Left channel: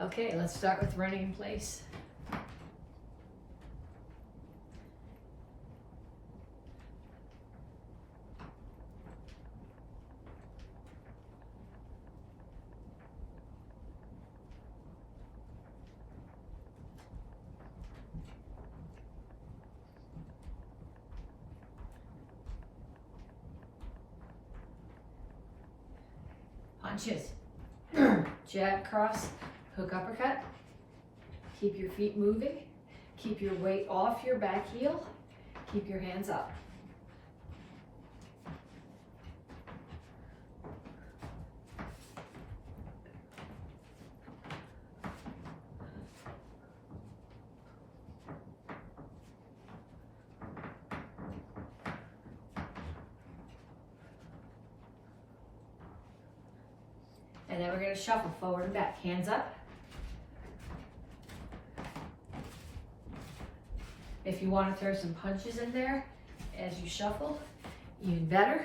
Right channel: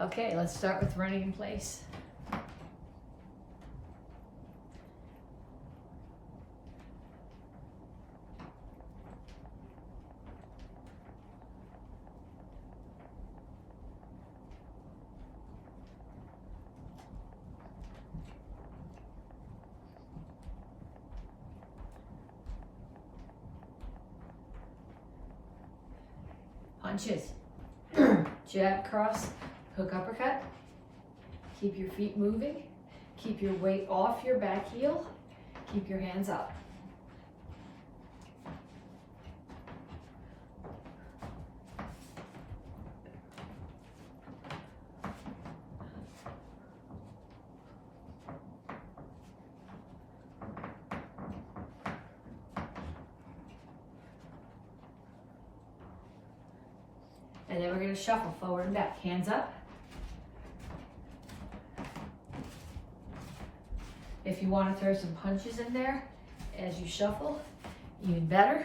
Okay, let's start with running in place. Punches. Jab, cross, hook, uppercut. Keep your feet moving. Keep your weight off your back heel. Keep your hands up. And then we're going to shuffle forward and back. Hands up. If you want to throw some punches in there as you shuffle, even better.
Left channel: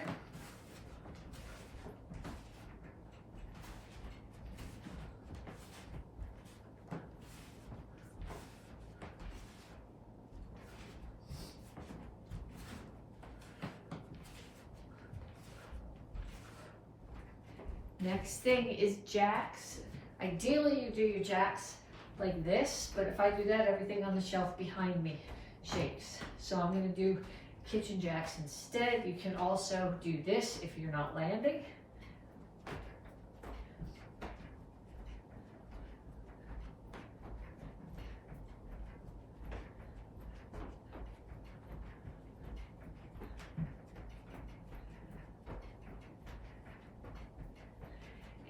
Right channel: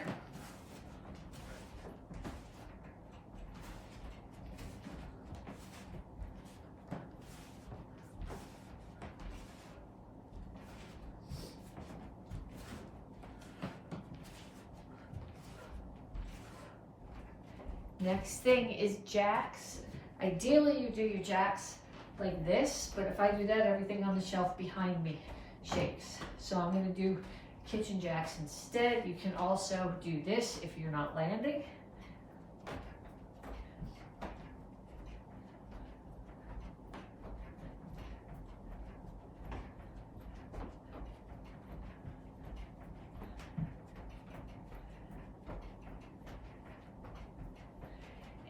Next thing is jacks. Ideally you do your jacks like this, but if I do that, everything on the shelf behind me shakes. So I'm going to do kitchen jacks instead. You can also do this if you're not landing.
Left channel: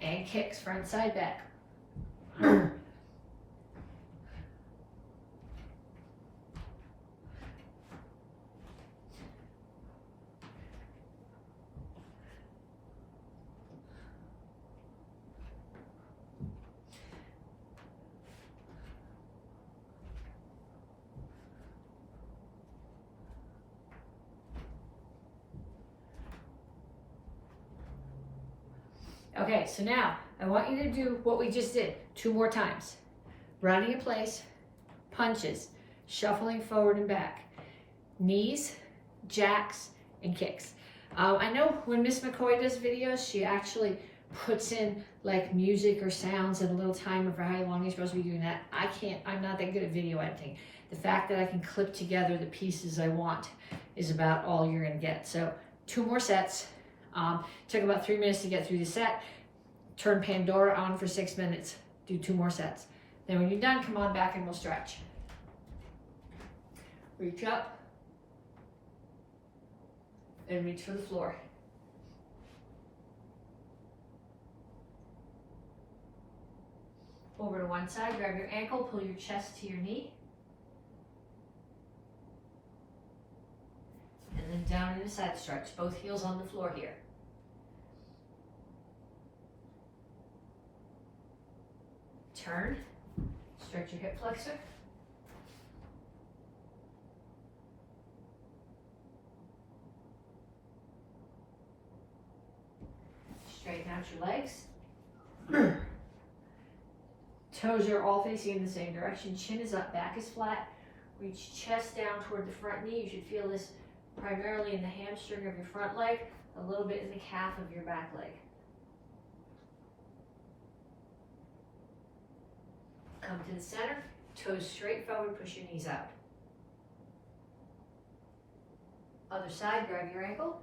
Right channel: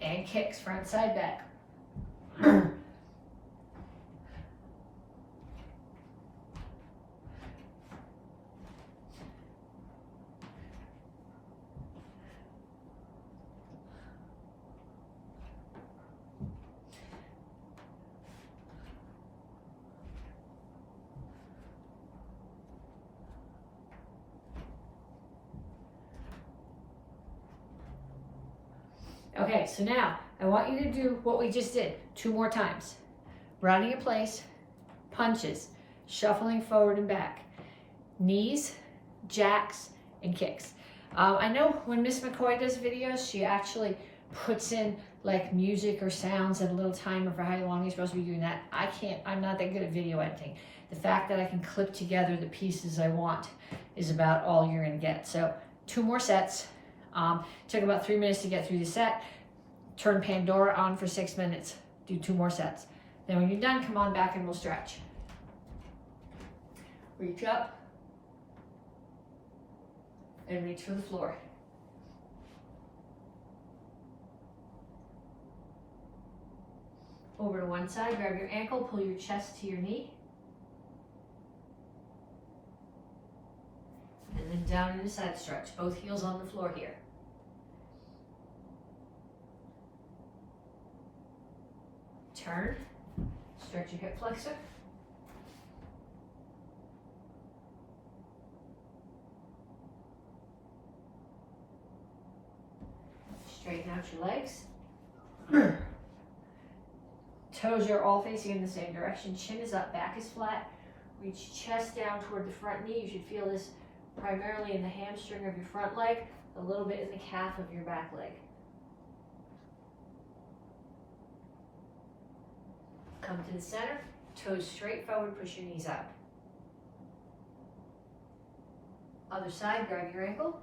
And kicks, front, side, back. Okay, so now I want you to do what we just did 2 more times. Rounding in place, punches, shuffling forward and back, knees, jacks, and kicks. I know when Miss McCoy does videos, she actually puts in like music or sounds and a little timer for how long you're supposed to be doing that. I can't, I'm not that good at video editing. The fact that I can clip together the pieces I want is about all you're gonna get. So 2 more sets. Took about 3 minutes to get through the set. Turn Pandora on for 6 minutes. Do 2 more sets. Then when you're done, come on back and we'll stretch. Reach up and reach for the floor. Over to one side, grab your ankle, pull your chest to your knee. And then down in a side stretch, both heels on the floor here. Turn, stretch your hip flexor. Straighten out your legs. Toes are all facing in the same direction. Chin is up, back is flat. Reach chest down toward the front knee. You should feel this primarily in the hamstring of your front leg, a little bit in the calf of your back leg. Come to the center, toes straight forward, push your knees out. Other side, grab your ankle.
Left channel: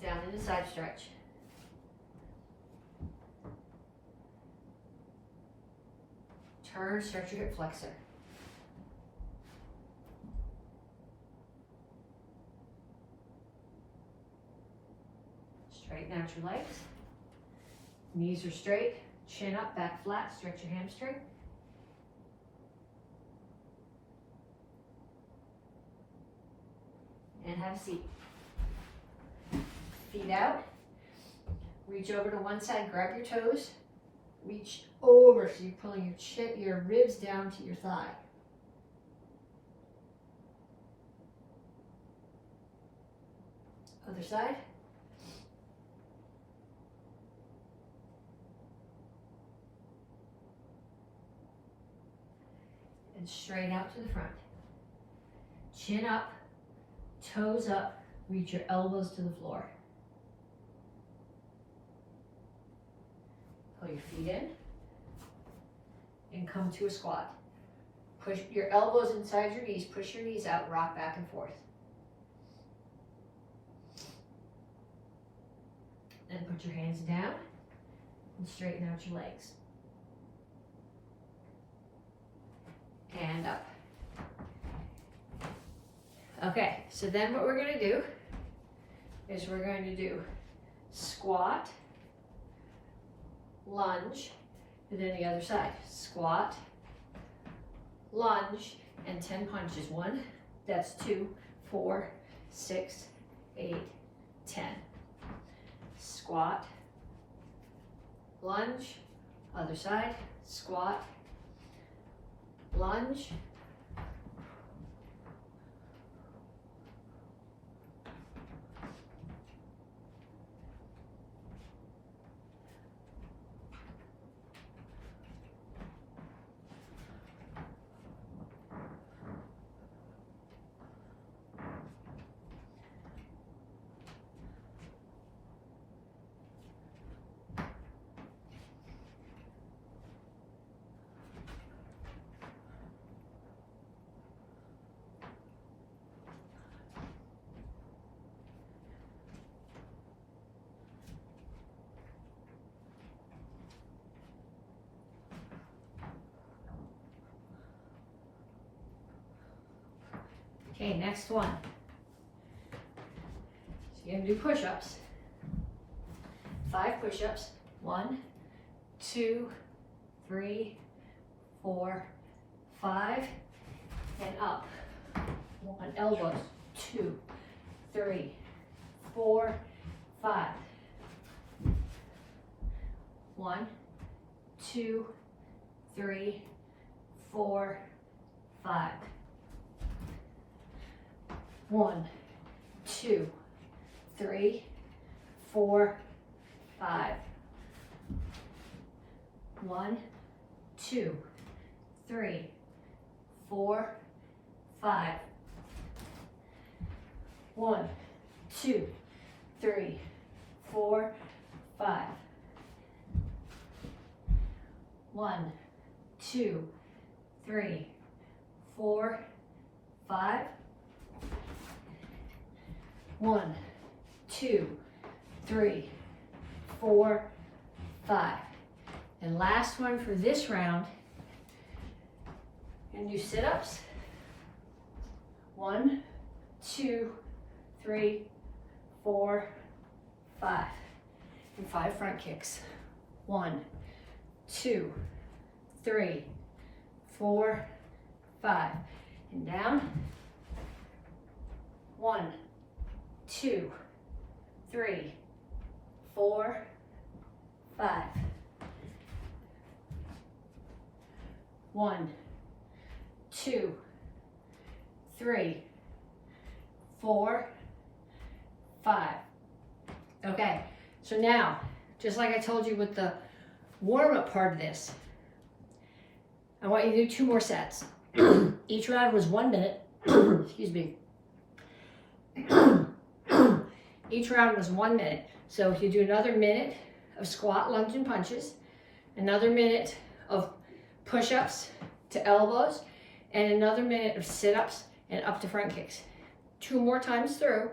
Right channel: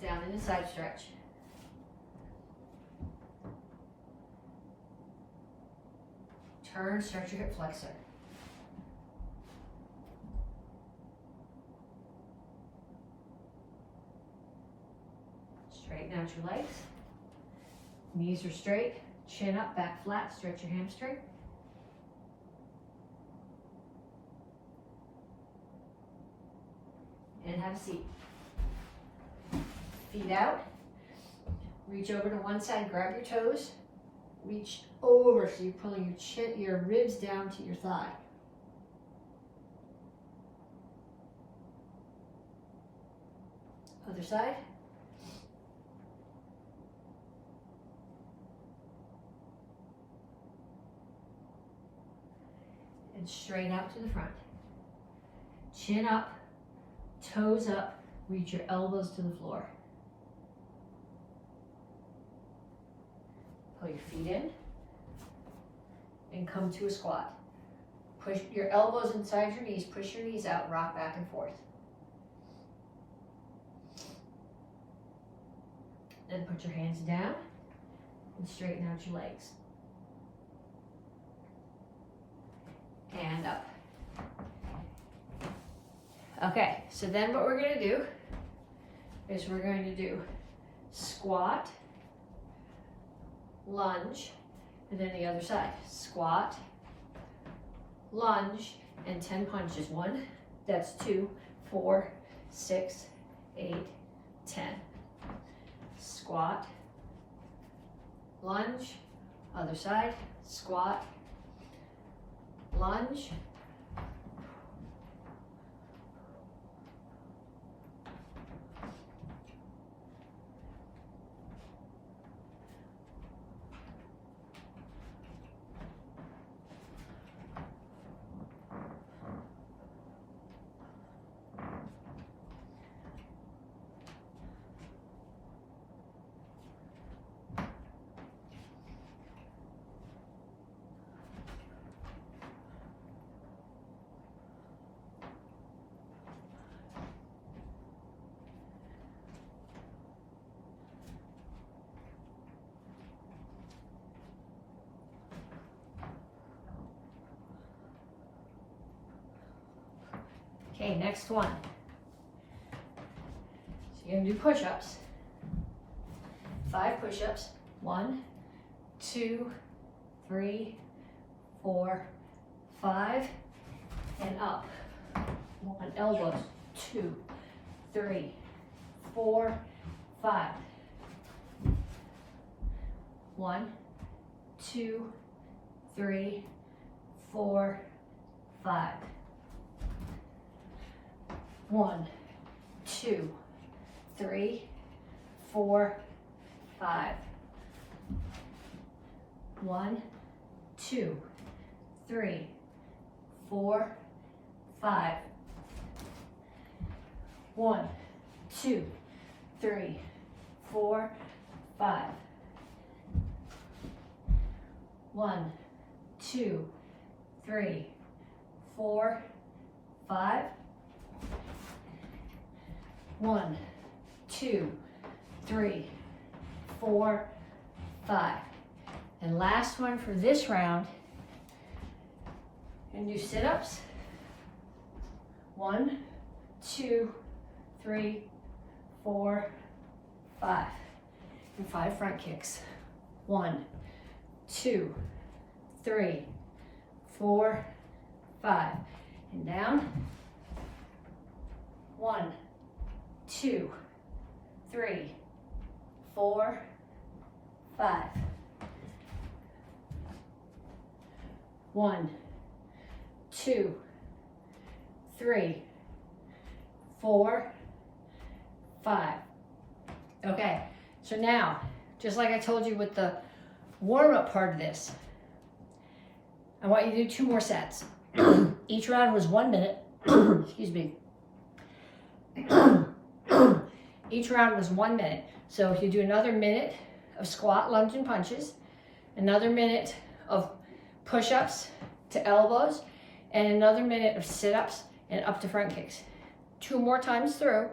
Down in a side stretch. Turn, stretch your hip flexor. Straighten out your legs. Knees are straight, chin up, back flat, stretch your hamstring. And have a seat. Feet out. Reach over to one side, grab your toes. Reach over, so you're pulling your ribs down to your thigh. Other side. straight out to the front. Chin up, toes up, reach your elbows to the floor. Pull your feet in and come to a squat. Push your elbows inside your knees, push your knees out, rock back and forth. Then put your hands down and straighten out your legs. And up. Okay, so then what we're going to do is we're going to do squat, lunge, and then the other side. Squat, lunge, and 10 punches. 1, that's 2, 4, 6, 8, 10. Squat, lunge, other side, squat, lunge, Okay, next one. So you're gonna do push-ups. 5 push-ups. 1, 2, 3, 4, 5, and up. 1, elbows. 2, 3, 4, 5. 1, 2, 3, 4, 5. 1, 2, 3, 4, 5. 1, 2, 3, 4, 5. 1, 2, 3, 4, 5. 1, 2, 3, 4, 5. 1, 2, 3, 4, 5. And last one for this round. And do sit-ups. 1, 2, 3, 4, 5. And 5 front kicks. 1, 2, 3, 4, 5. And down. 1, 2, 3, 4, 5. 1, 2, 3, 4, 5. Okay, so now, just like I told you with the warm-up part of this, I want you to do 2 more sets. Each round was 1 minute. Excuse me. Each round was 1 minute. So if you do another minute of squat, lunge, and punches, another minute of push-ups to elbows, and another minute of sit-ups and up to front kicks. 2 more times through,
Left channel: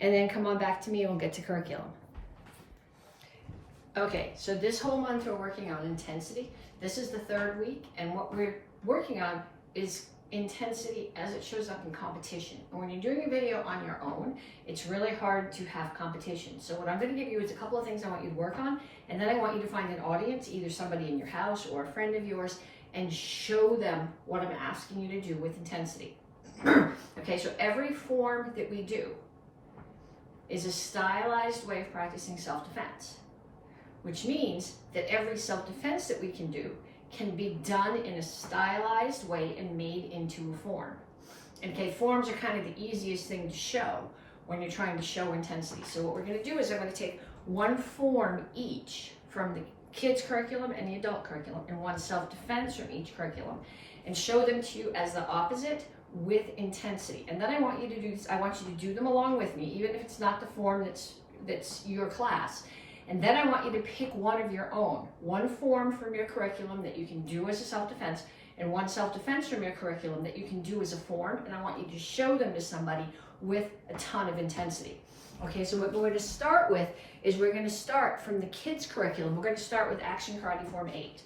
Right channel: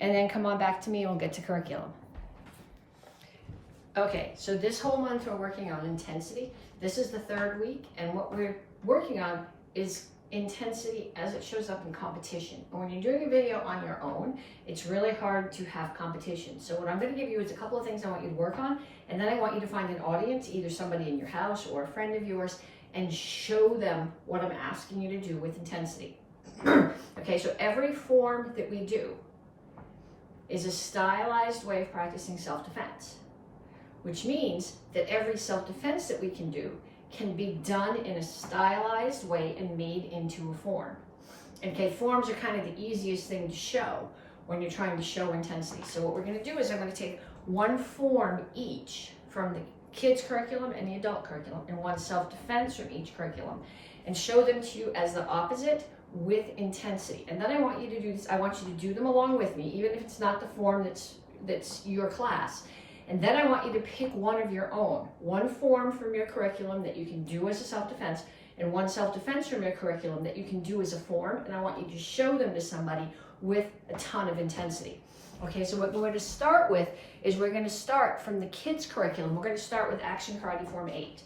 and then come on back to me and we'll get to curriculum. Okay, so this whole month we're working on intensity. This is the 3rd week, and what we're working on is intensity as it shows up in competition. And when you're doing a video on your own, it's really hard to have competition. So what I'm going to give you is a couple of things I want you to work on, and then I want you to find an audience, either somebody in your house or a friend of yours, and show them what I'm asking you to do with intensity. Okay, so every form that we do is a stylized way of practicing self-defense, which means that every self-defense that we can do can be done in a stylized way and made into a form. Okay, forms are kind of the easiest thing to show when you're trying to show intensity. So what we're going to do is I'm going to take 1 form each from the kids curriculum and the adult curriculum, and 1 self-defense from each curriculum. and show them to you as the opposite with intensity. And then I want you to do this, I want you to do them along with me, even if it's not the form that's your class. And then I want you to pick one of your own, one form from your curriculum that you can do as a self-defense, and one self-defense from your curriculum that you can do as a form, and I want you to show them to somebody with a ton of intensity. Okay, so what we're going to start with is we're going to start from the kids' curriculum. We're going to start with Action Karate Form 8.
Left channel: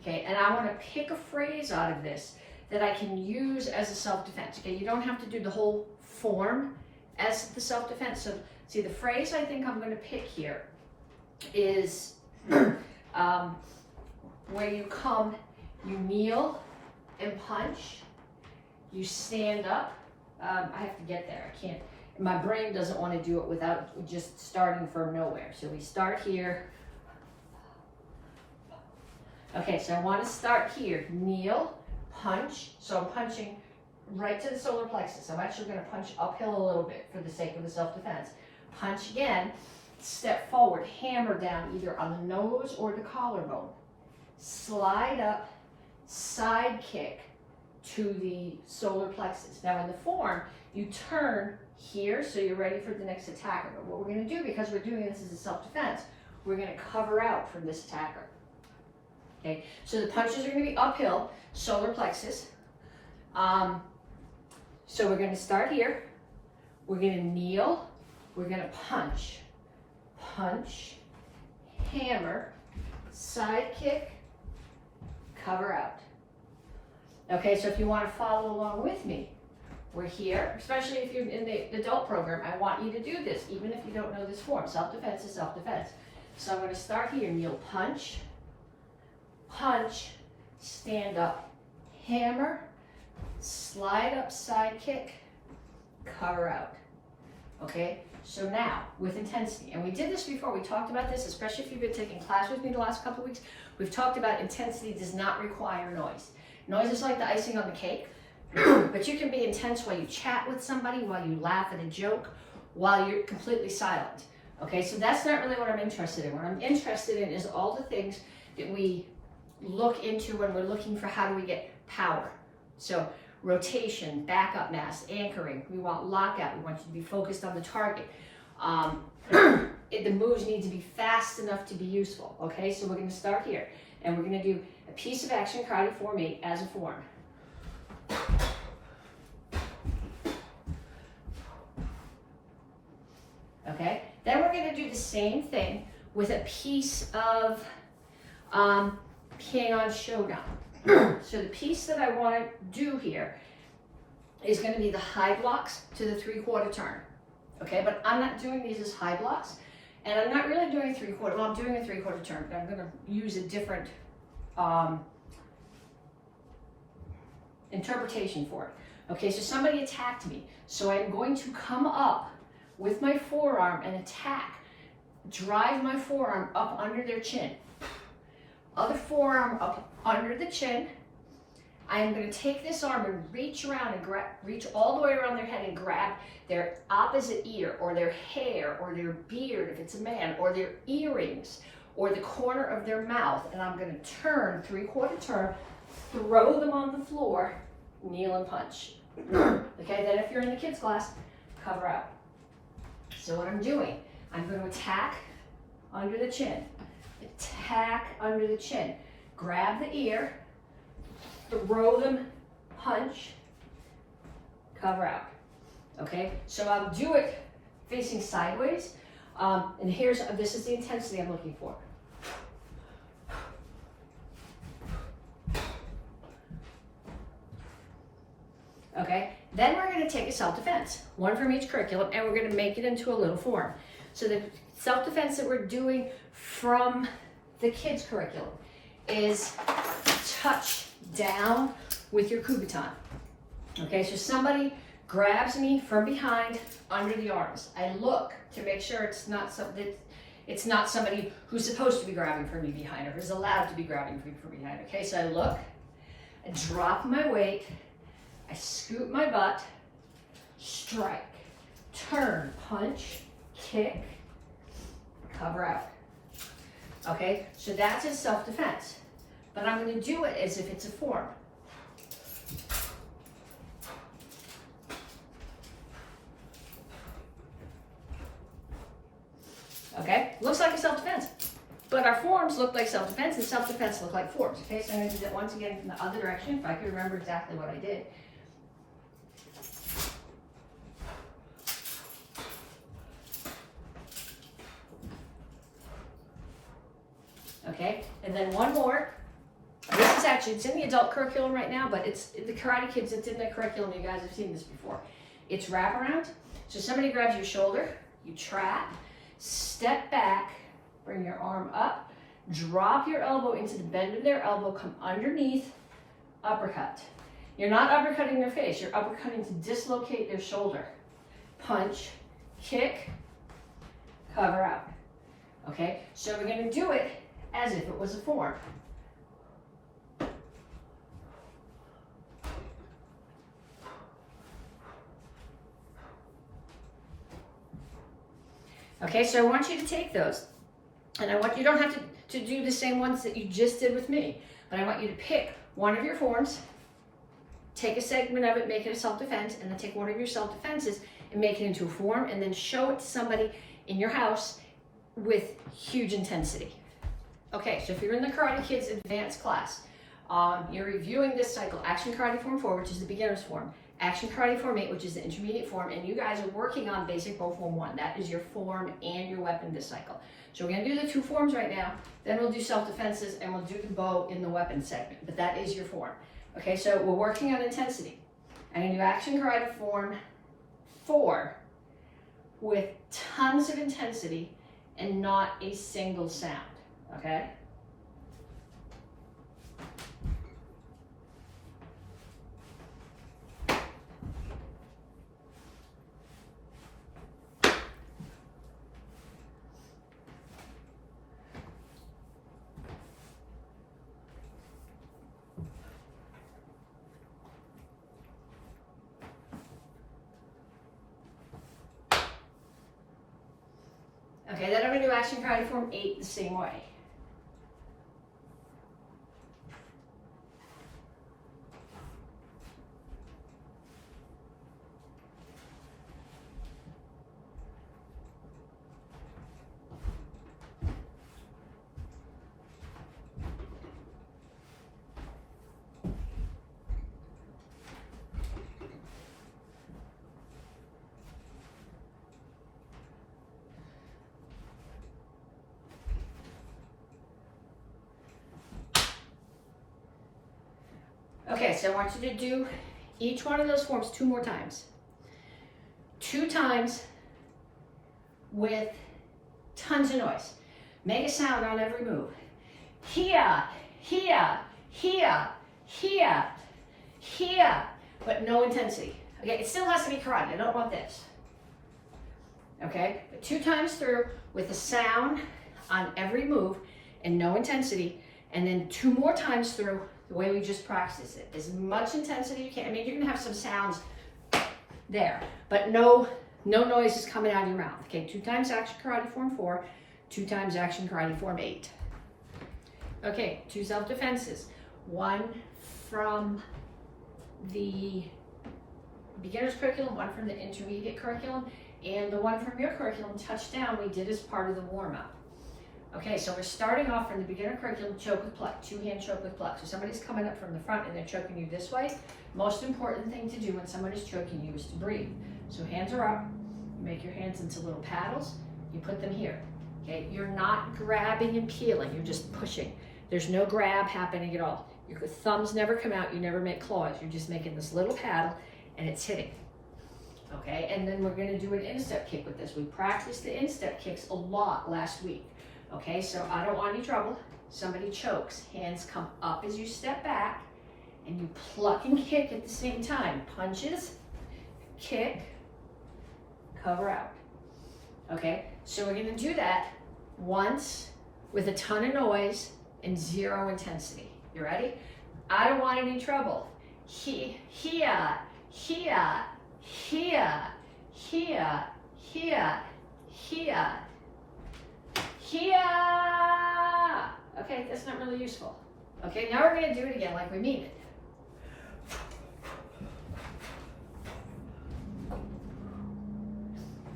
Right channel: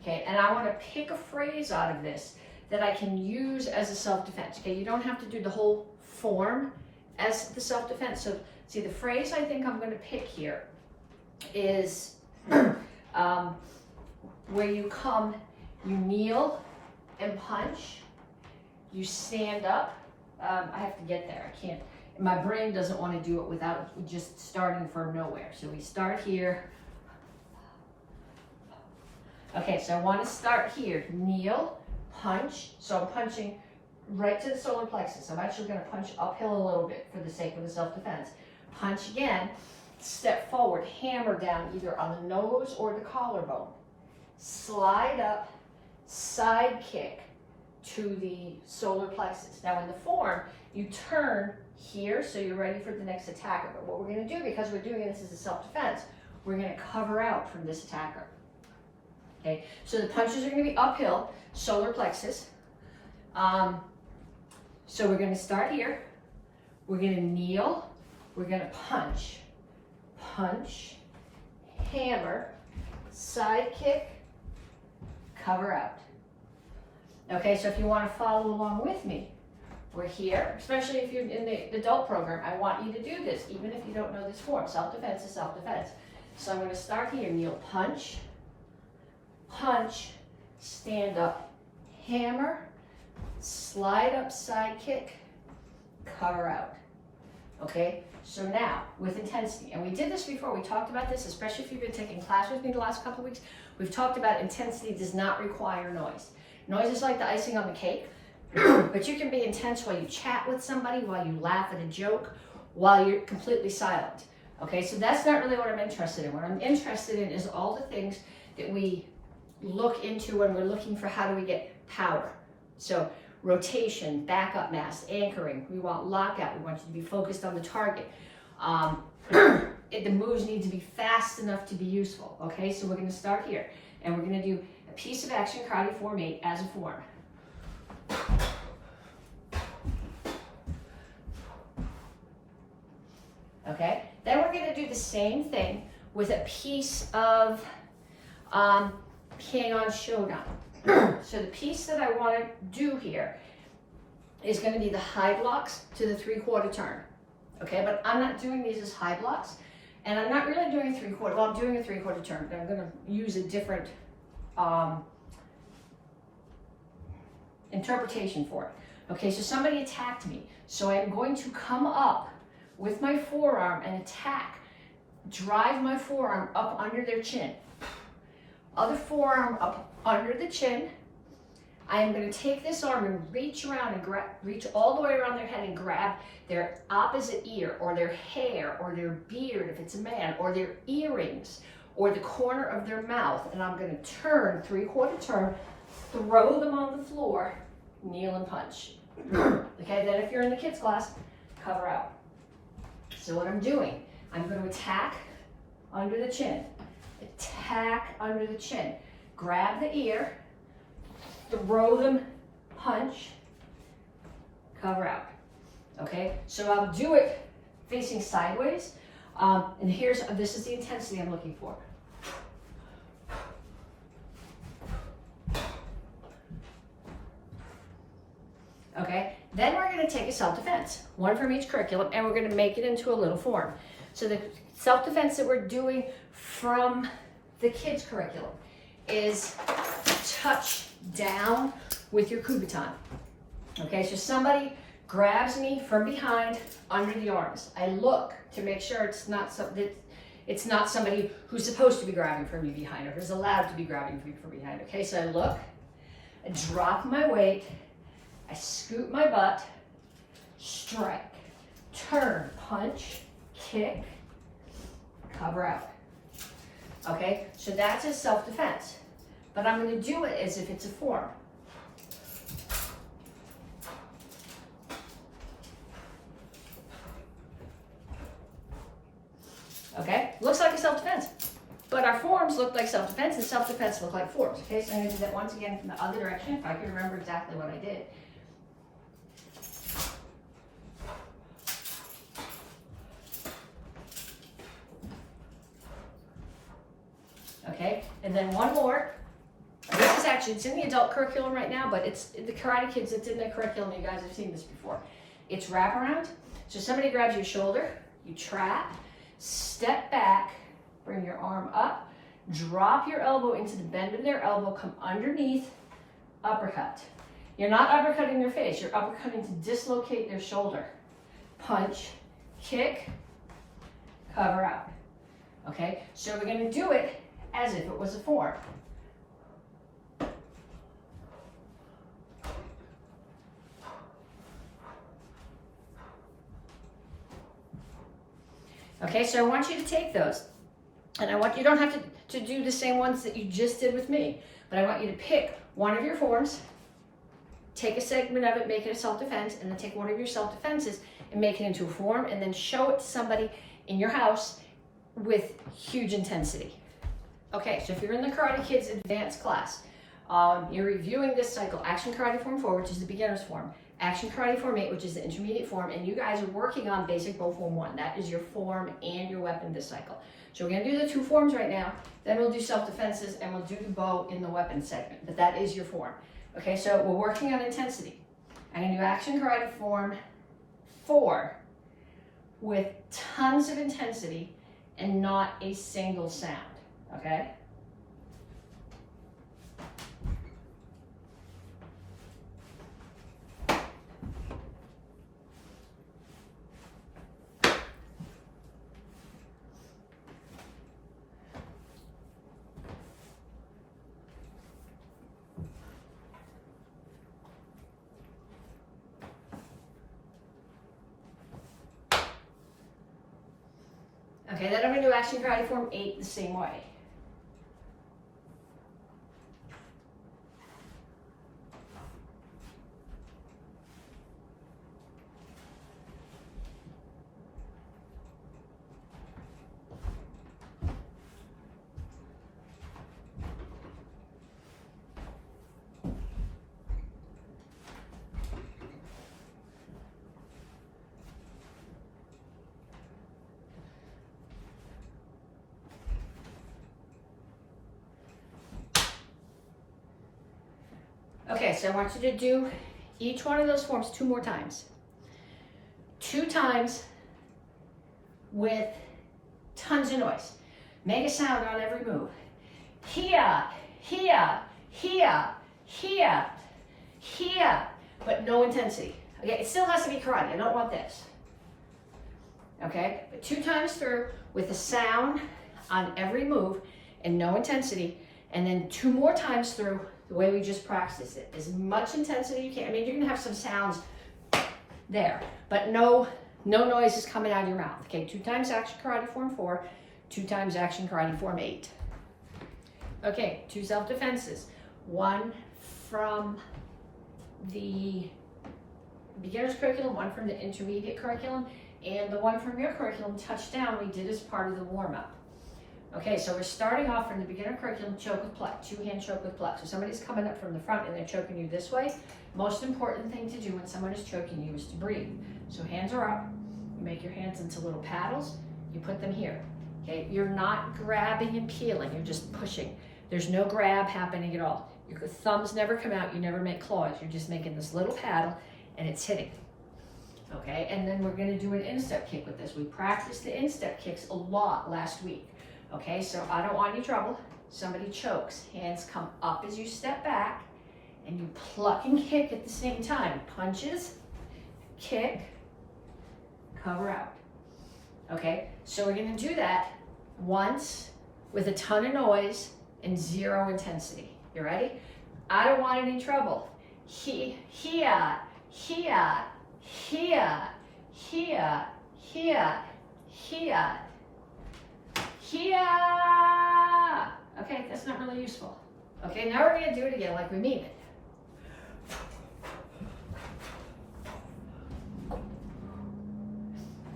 Okay, and I want to pick a phrase out of this that I can use as a self-defense. Okay, you don't have to do the whole form as the self-defense. So see, the phrase I think I'm going to pick here is where you come, you kneel and punch, you stand up. I have to get there, I can't, my brain doesn't want to do it without just starting from nowhere. So we start here. Okay, so I want to start here, kneel, punch. So I'm punching right to the solar plexus. I'm actually going to punch uphill a little bit for the sake of the self-defense. Punch again, step forward, hammer down either on the nose or the collarbone. Slide up, side kick to the solar plexus. Now in the form, you turn here so you're ready for the next attacker. But what we're going to do, because we're doing this as a self-defense, we're going to cover out from this attacker. Okay, so the punches are going to be uphill, solar plexus. So we're going to start here. We're going to kneel. We're going to punch. Punch, hammer, side kick, cover out. Okay, so if you want to follow along with me, we're here, especially if you're in the adult program, I want you to do this, even if you don't know this form. Self-defense is self-defense. So I'm going to start here, kneel, punch, punch, stand up, hammer, slide up, side kick, cover out. Okay, so now with intensity, and we did this before, we talked about this, especially if you've been taking class with me the last couple of weeks, we've talked about intensity does not require noise. Noise is like the icing on the cake, but you can be intense while you chat with somebody, while you laugh at a joke, while you're completely silent. Okay, so that's not really what I'm interested in. What I'm interested in is all the things that we look into when we're looking for how do we get power. So rotation, backup mass, anchoring. We want lockout. We want you to be focused on the target. The moves need to be fast enough to be useful. Okay, so we're going to start here, and we're going to do a piece of Action Karate Form 8 as a form. Okay, then we're going to do the same thing with a piece of Pian Showdown. So the piece that I want to do here is going to be the high blocks to the 3/4 turn. Okay, but I'm not doing these as high blocks, and I'm not really doing a 3/4. Well, I'm doing a 3/4 turn, but I'm going to use a different interpretation for it. Okay, so somebody attacked me, so I'm going to come up with my forearm and attack. Drive my forearm up under their chin. Other forearm up under the chin. I am going to take this arm and reach around and reach all the way around their head and grab their opposite ear or their hair or their beard if it's a man, or their earrings or the corner of their mouth, and I'm going to turn, 3/4 turn, throw them on the floor, kneel and punch. Okay, then if you're in the kids class, cover out. So what I'm doing, I'm going to attack under the chin, attack under the chin, grab the ear, throw them, punch, cover out. Okay, so I'll do it facing sideways, and this is the intensity I'm looking for. Okay, then we're going to take a self-defense, one from each curriculum, and we're going to make it into a little form. So the self-defense that we're doing from the kids' curriculum is touch down with your kubutan. Okay, so somebody grabs me from behind under the arms. I look to make sure it's not somebody who's supposed to be grabbing from me behind or who's allowed to be grabbing from behind. Okay, so I look, I drop my weight, I scoot my butt, strike, turn, punch, kick, cover out. Okay, so that's a self-defense. But I'm going to do it as if it's a form. Okay, looks like a self-defense. But our forms look like self-defense and self-defense look like forms. Okay, so I'm gonna do that once again from the other direction, if I can remember exactly what I did. Okay, and then one more. This is actually, it's in the adult curriculum right now, but it's the Karate Kids, it's in their curriculum. You guys have seen this before. It's wraparound. So somebody grabs your shoulder, you trap, step back, bring your arm up, drop your elbow into the bend of their elbow, come underneath, uppercut. You're not uppercutting their face, you're uppercutting to dislocate their shoulder. Punch, kick, cover out. Okay, so we're gonna do it as if it was a form. Okay, so I want you to take those, and you don't have to do the same ones that you just did with me, but I want you to pick one of your forms, take a segment of it, make it a self-defense, and then take one of your self-defenses and make it into a form, and then show it to somebody in your house with huge intensity. Okay, so if you're in the Karate Kids advanced class, you're reviewing this cycle, Action Karate Form 4, which is the beginner's form, Action Karate Form 8, which is the intermediate form, and you guys are working on Basic Bow Form 1. That is your form and your weapon this cycle. So we're gonna do the two forms right now, then we'll do self-defenses and we'll do the bow in the weapon segment, but that is your form. Okay, so we're working on intensity. I'm gonna do Action Karate Form 4 with tons of intensity and not a single sound, okay? Okay, then I'm going to do Action Karate Form 8 the same way. Okay, so I want you to do each one of those forms 2 more times. 2 times with tons of noise. Make a sound on every move. Here, here, here, here, here, but no intensity. Okay, it still has to be karate. I don't want this. Okay, but 2 times through with a sound on every move and no intensity, and then 2 more times through the way we just practiced it. As much intensity you can. I mean, you're gonna have some sounds there, but no noise is coming out of your mouth. Okay, 2 times Action Karate Form 4, 2 times Action Karate Form 8. Okay, 2 self-defenses. One from the beginner's curriculum, one from the intermediate curriculum, and the one from your curriculum, Touchdown, we did as part of the warm-up. Okay, so we're starting off from the beginner curriculum, choke with pluck, 2-hand choke with pluck. So somebody's coming up from the front and they're choking you this way. Most important thing to do when someone is choking you is to breathe. So hands are up, you make your hands into little paddles, you put them here. Okay, you're not grabbing and peeling, you're just pushing. There's no grab happening at all. Your thumbs never come out, you never make claws. You're just making this little paddle and it's hitting. Okay, and then we're gonna do an instep kick with this. We practiced the instep kicks a lot last week. Okay, so I don't want any trouble. Somebody chokes, hands come up as you step back, and you pluck and kick at the same time. Punches, kick, cover out. Okay, so we're gonna do that once with a ton of noise and 0 intensity. You ready? I don't want any trouble. Here, here, here, here, here, here. Here. Okay, that's not really useful. Okay, now we're gonna do it again like we mean it.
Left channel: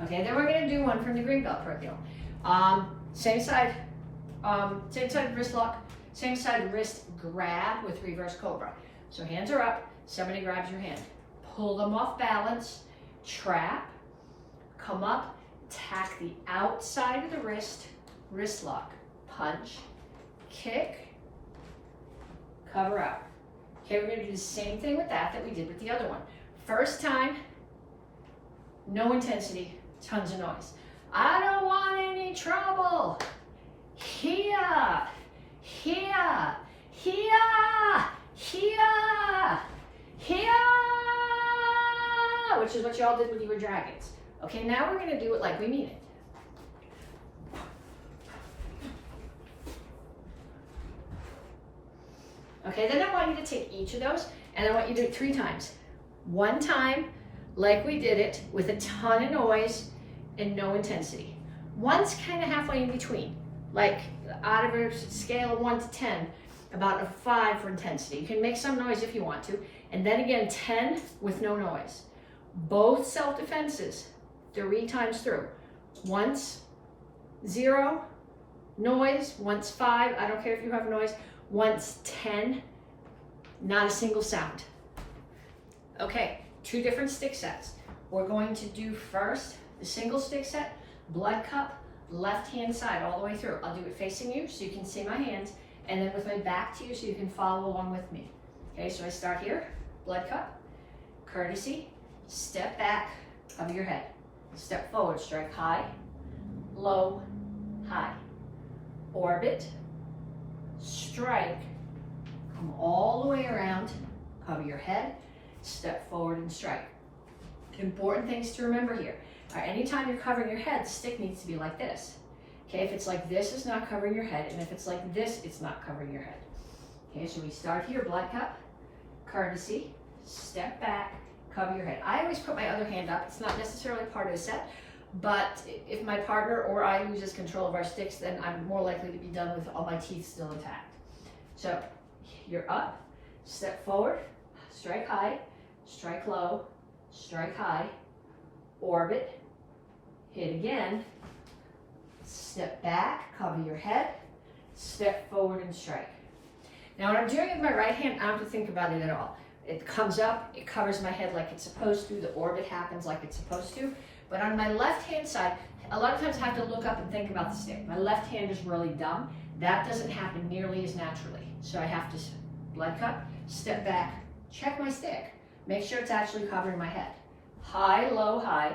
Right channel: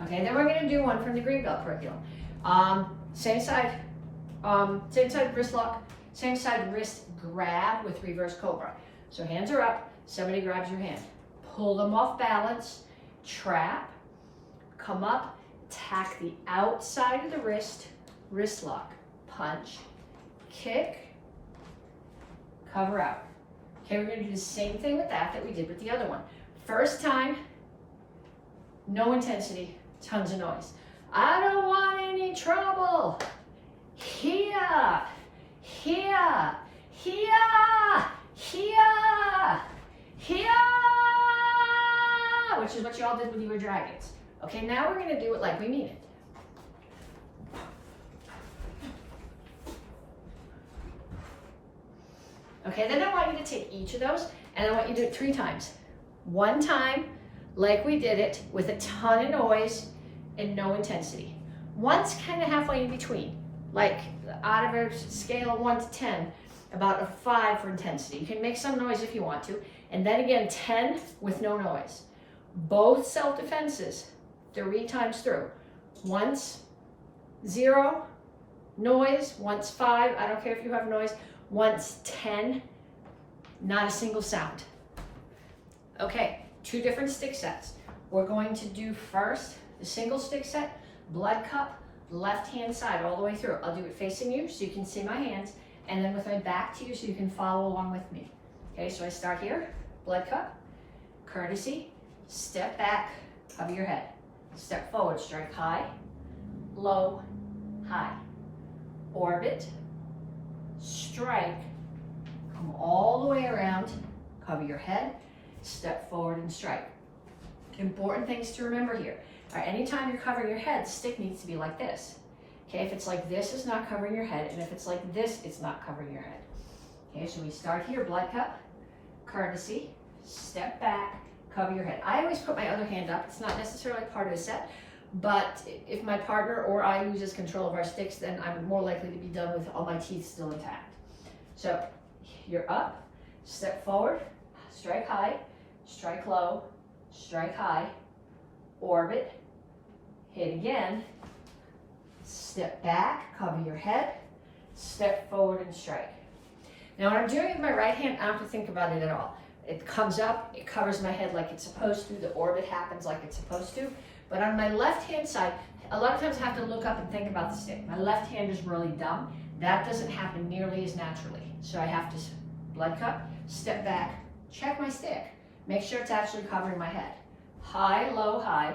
Okay, then we're gonna do one from the green belt curriculum. Same side wrist lock, same side wrist grab with reverse cobra. So hands are up, somebody grabs your hand. Pull them off balance, trap, come up, tack the outside of the wrist, wrist lock, punch, kick, cover out. Okay, we're gonna do the same thing with that we did with the other one. First time, no intensity, tons of noise. I don't want any trouble. Here, here, here, here, here, which is what you all did when you were dragons. Okay, now we're gonna do it like we mean it. Okay, then I want you to take each of those and I want you to do it 3 times. 1 time, like we did it, with a ton of noise and no intensity. 1's kind of halfway in between, like out of a scale of 1 to 10, about a 5 for intensity. You can make some noise if you want to. And then again, 10 with no noise. Both self-defenses, 3 times through. Once, 0, noise. Once, 5, I don't care if you have noise. Once, 10, not a single sound. Okay, 2 different stick sets. We're going to do first the single stick set, blood cup, left hand side all the way through. I'll do it facing you so you can see my hands, and then with my back to you so you can follow along with me. Okay, so I start here, blood cup, courtesy, step back, cover your head. Step forward, strike high, low, high. Orbit, strike, come all the way around, cover your head, step forward and strike. Important things to remember here. All right, anytime you're covering your head, the stick needs to be like this. Okay, if it's like this, it's not covering your head, and if it's like this, it's not covering your head. Okay, so we start here, blood cup, courtesy, step back, cover your head. I always put my other hand up. It's not necessarily part of the set, but if my partner or I loses control of our sticks, then I'm more likely to be done with all my teeth still intact. So you're up, step forward, strike high, strike low, strike high, orbit, hit again, step back, cover your head, step forward and strike. Now when I'm doing it with my right hand, I don't have to think about it at all. It comes up, it covers my head like it's supposed to, the orbit happens like it's supposed to. But on my left hand side, a lot of times I have to look up and think about the stick. My left hand is really dumb. That doesn't happen nearly as naturally. So I have to blood cup, step back, check my stick. Make sure it's actually covering my head. High, low, high,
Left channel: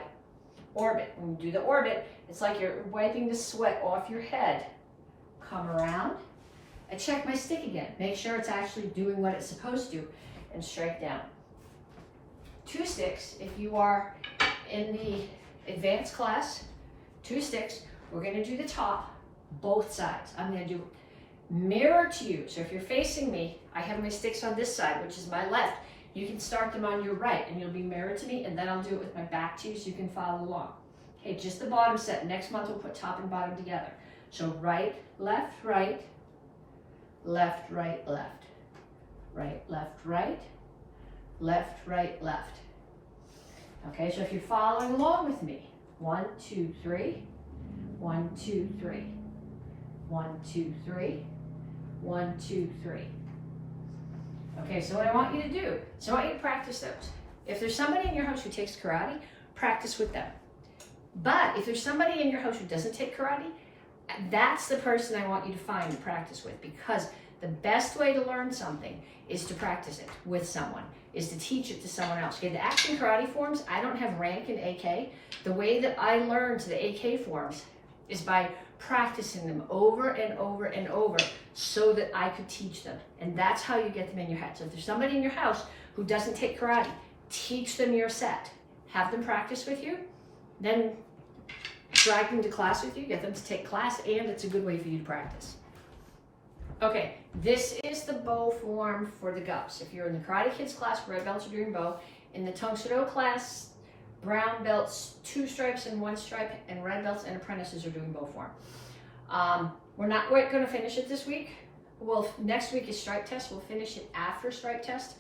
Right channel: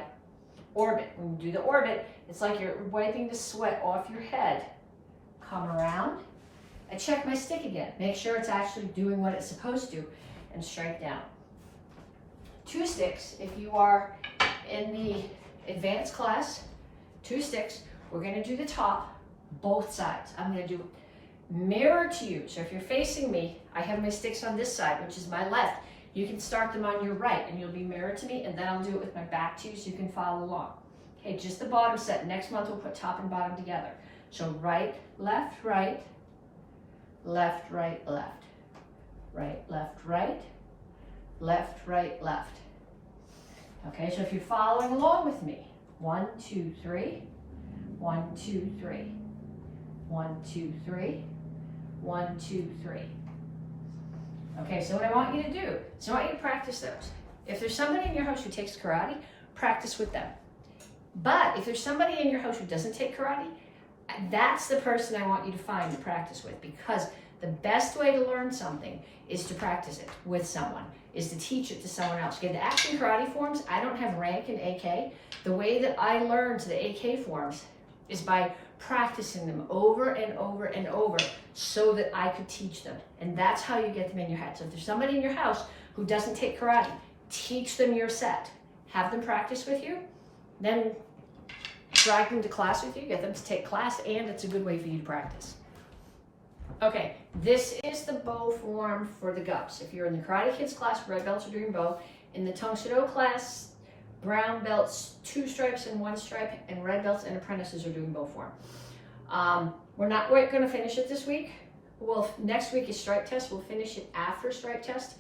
orbit. When you do the orbit, it's like you're wiping the sweat off your head. Come around. I check my stick again. Make sure it's actually doing what it's supposed to, and strike down. 2 sticks. If you are in the advanced class, 2 sticks. We're going to do the top, both sides. I'm going to do mirror to you. So if you're facing me, I have my sticks on this side, which is my left. You can start them on your right, and you'll be mirrored to me, and then I'll do it with my back to you so you can follow along. Okay, just the bottom set. Next month we'll put top and bottom together. So right, left, right, left, right, left, right, left, right, left, right, left. Okay, so if you're following along with me, 1, 2, 3, 1, 2, 3, 1, 2, 3, 1, 2, 3. Okay, so what I want you to do is I want you to practice those. If there's somebody in your house who takes karate, practice with them. But if there's somebody in your house who doesn't take karate, that's the person I want you to find to practice with, because the best way to learn something is to practice it with someone, is to teach it to someone else. Okay, the action karate forms, I don't have rank in AK. The way that I learned the AK forms is by practicing them over and over and over so that I could teach them. And that's how you get them in your head. So if there's somebody in your house who doesn't take karate, teach them your set. Have them practice with you, then drag them to class with you, get them to take class, and it's a good way for you to practice. Okay, this is the bow form for the gups. If you're in the Karate Kids class, red belts are doing bow. In the Tang Soo Do class, brown belts, 2 stripes and 1 stripe, and red belts and apprentices are doing bow form. We're not going to finish it this week. Well, next week is stripe test. We'll finish it after stripe test.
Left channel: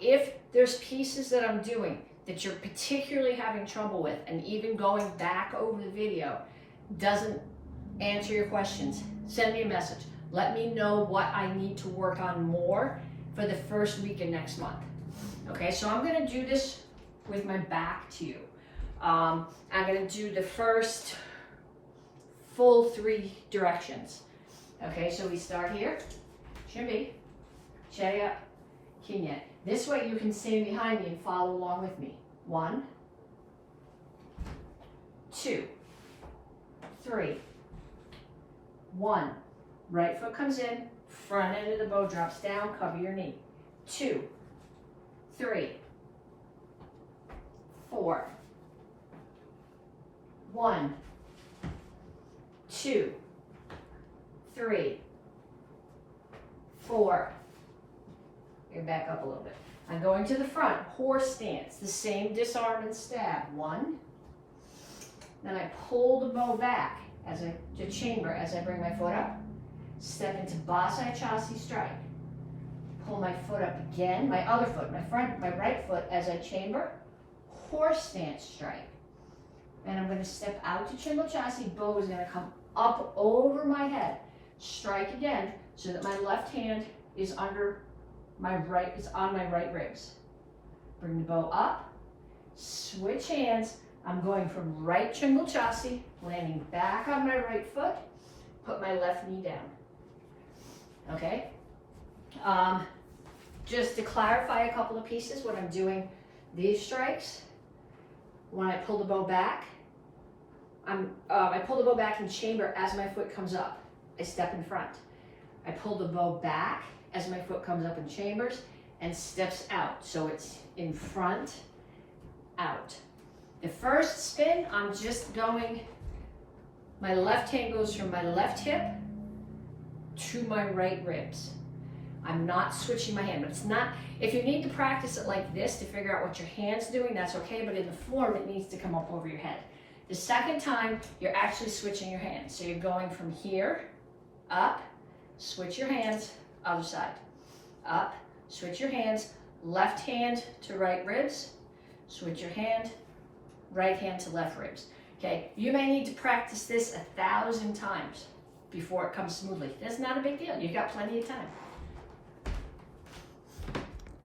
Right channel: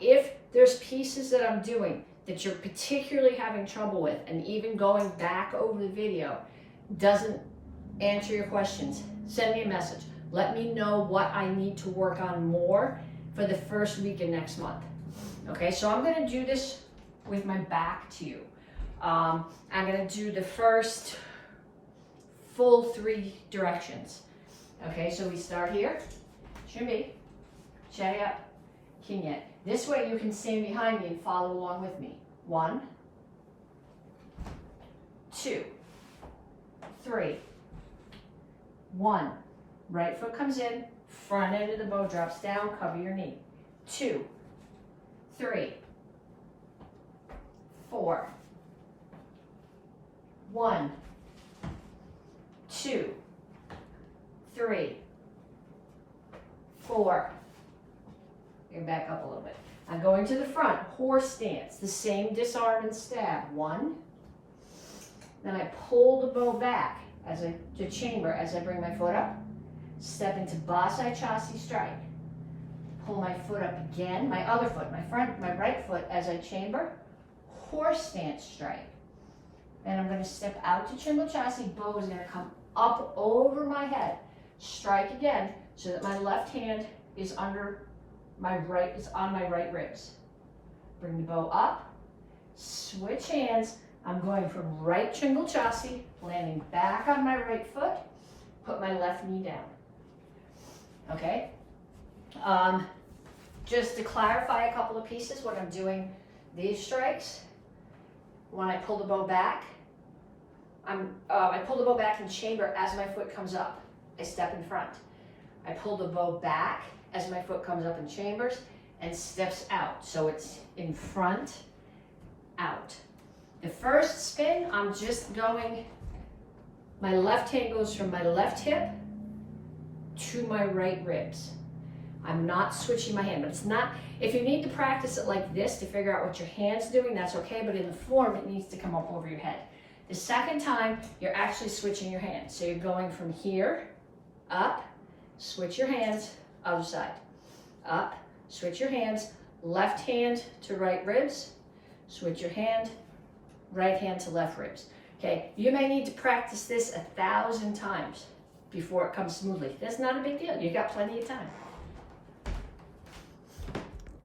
If there's pieces that I'm doing that you're particularly having trouble with, and even going back over the video, doesn't answer your questions, send me a message. Let me know what I need to work on more for the first week of next month. Okay, so I'm gonna do this with my back to you. I'm gonna do the first full 3 directions. Okay, so we start here, 준비, up, 킹et. This way you can stand behind me and follow along with me. 1, 2, 3. 1, right foot comes in, front end of the bow drops down, cover your knee. 2, 3, 4. 1, 2, 3, 4. You're back up a little bit. I'm going to the front, horse stance, the same disarm and stab. 1. Then I pull the bow back to chamber as I bring my foot up. Step into Basai Chasi strike. Pull my foot up again, my other foot, my right foot as I chamber. Horse stance strike. And I'm going to step out to Trimble Chasi. Bow is going to come up over my head. Strike again so that my left hand is on my right ribs. Bring the bow up. Switch hands. I'm going from right Trimble Chasi, landing back on my right foot. Put my left knee down. Okay? Just to clarify a couple of pieces, when I'm doing these strikes, when I pull the bow back, I pull the bow back in chamber as my foot comes up. I step in front. I pull the bow back as my foot comes up in chambers and steps out. So it's in front, out. The first spin, I'm just going, my left hand goes from my left hip to my right ribs. I'm not switching my hand, but it's not, if you need to practice it like this to figure out what your hand's doing, that's okay, but in the form, it needs to come up over your head. The second time, you're actually switching your hands. So you're going from here, up, switch your hands, other side. Up, switch your hands, left hand to right ribs, switch your hand, right hand to left ribs. Okay, you may need to practice this 1,000 times before it comes smoothly. That's not a big deal. You've got plenty of time.